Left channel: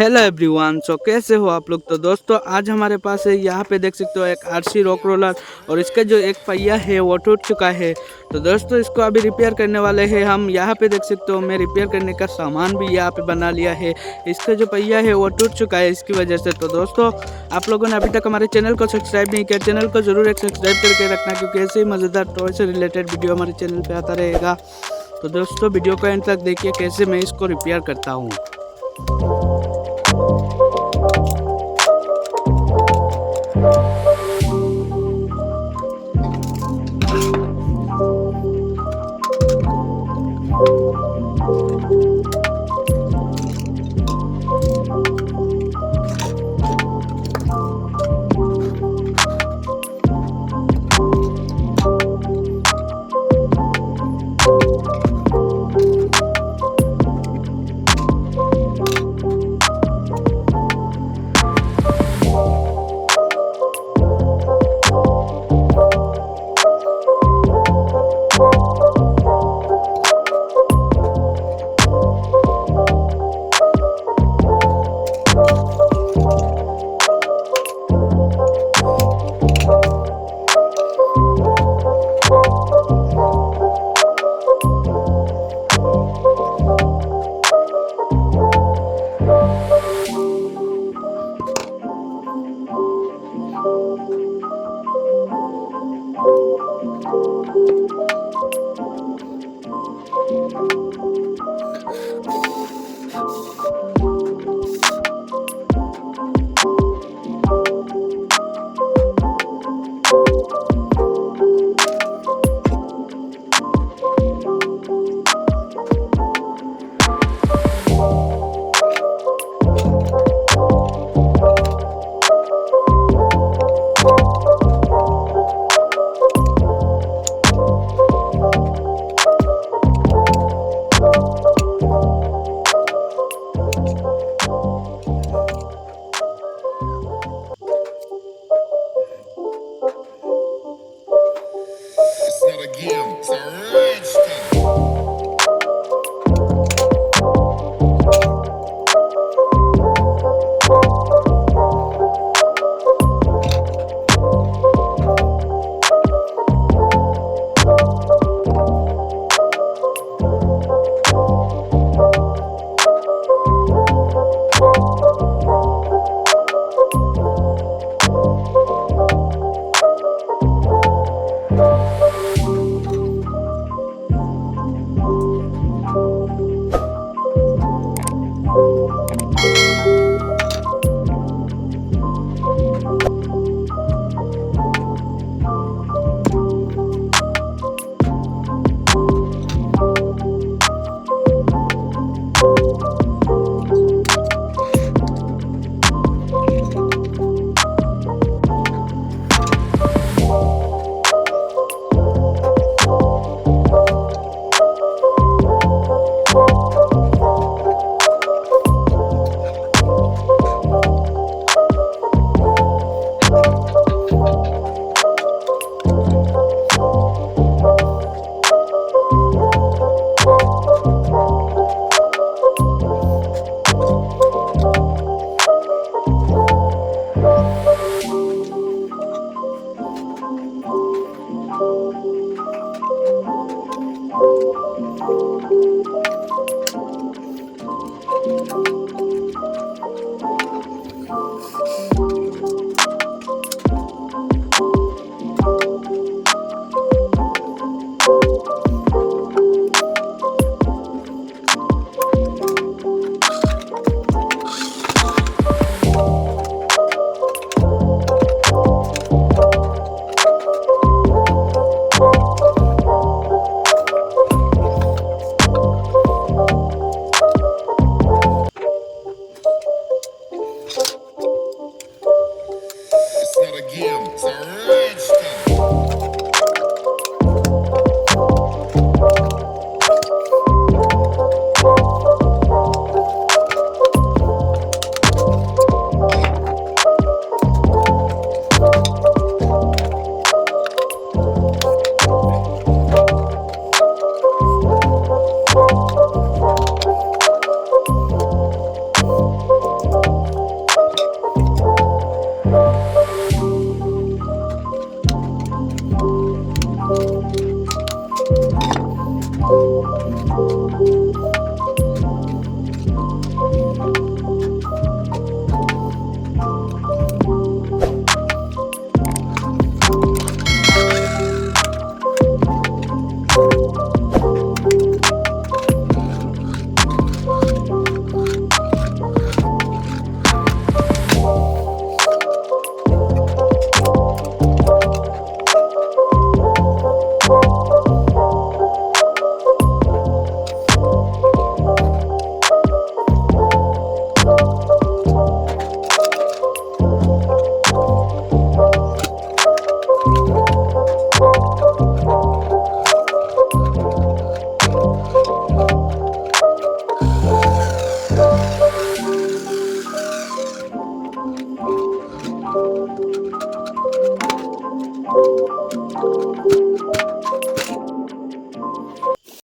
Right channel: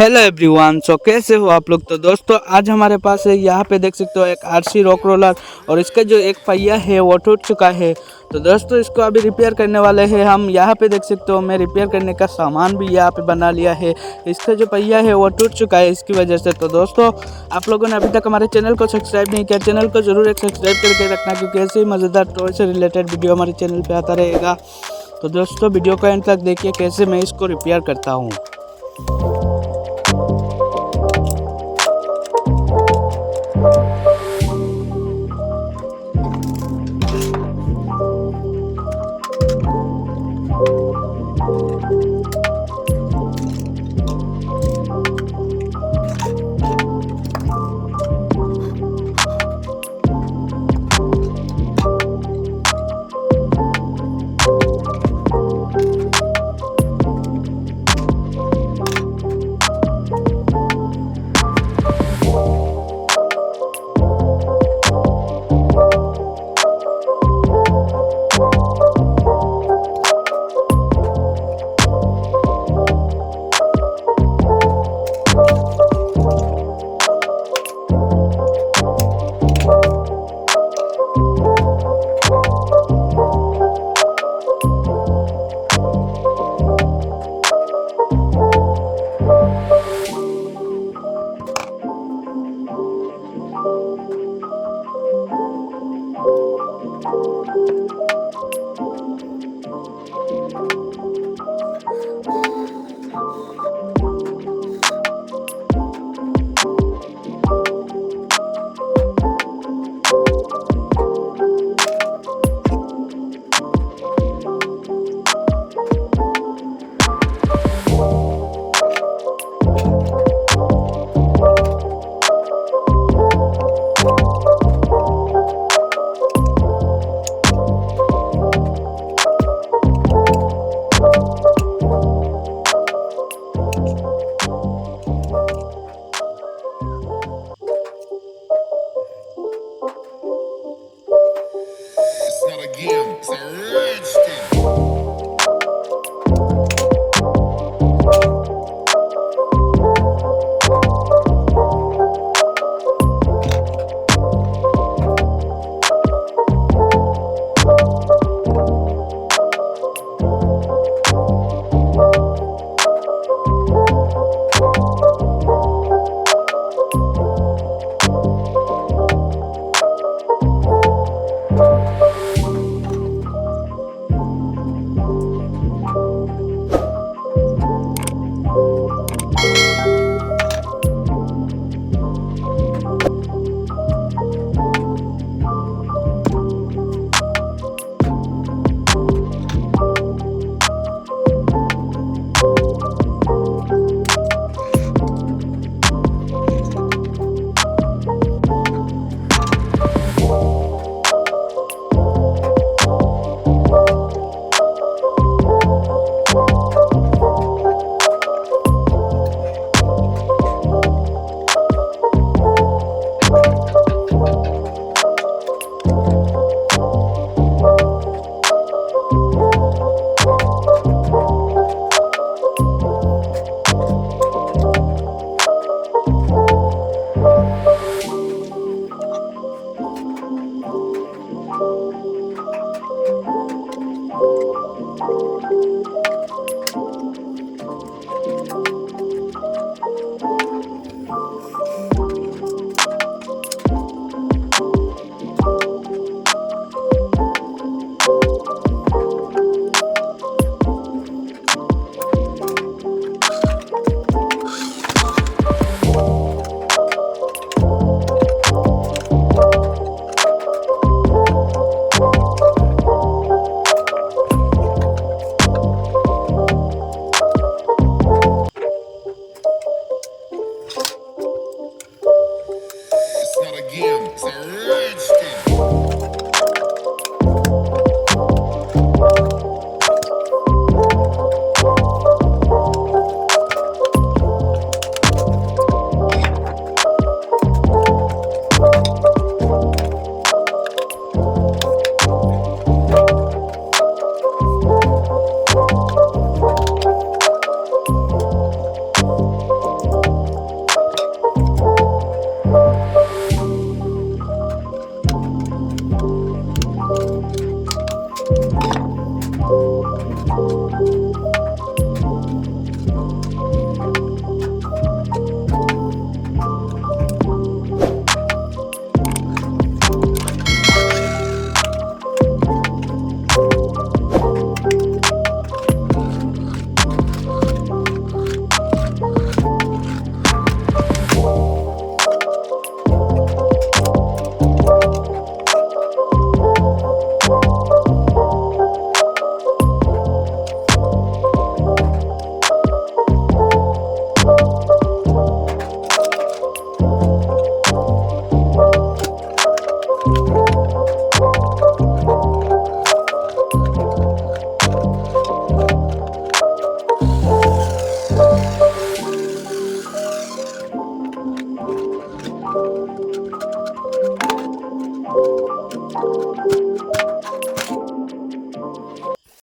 Hello everyone. कैसे हो आप लोग। तो दोस्तों आज हमारे पास है, यहाँ पे देख सकते हो एक आरसी रॉक रोलर और इसका जो एक पहिया है वो टूट चुका है। तो दोस्तों इसको अभी रिपेयर करने वाले हैं हम। यहाँ पे देख सकते हो मैं रिपेयर करने का सामान भी यहाँ पे बना लिया है। इसका जो पहिया है वो टूट चुका है इसकी वजह से। तो दोस्तों आप लोगों ने अभी तक हमारे चैनल को सब्सक्राइब नहीं किया, चैनल को जरूर एक सब्सक्राइब करके रखना, क्योंकि ऐसे ही मज़ेदार टॉय से रिलेटेड वीडियो हमारे चैनल पर आता रहेगा। तो दोस्तों वीडियो को एंड तक देखिए कैसे मैं इसको रिपेयर करता हूँ।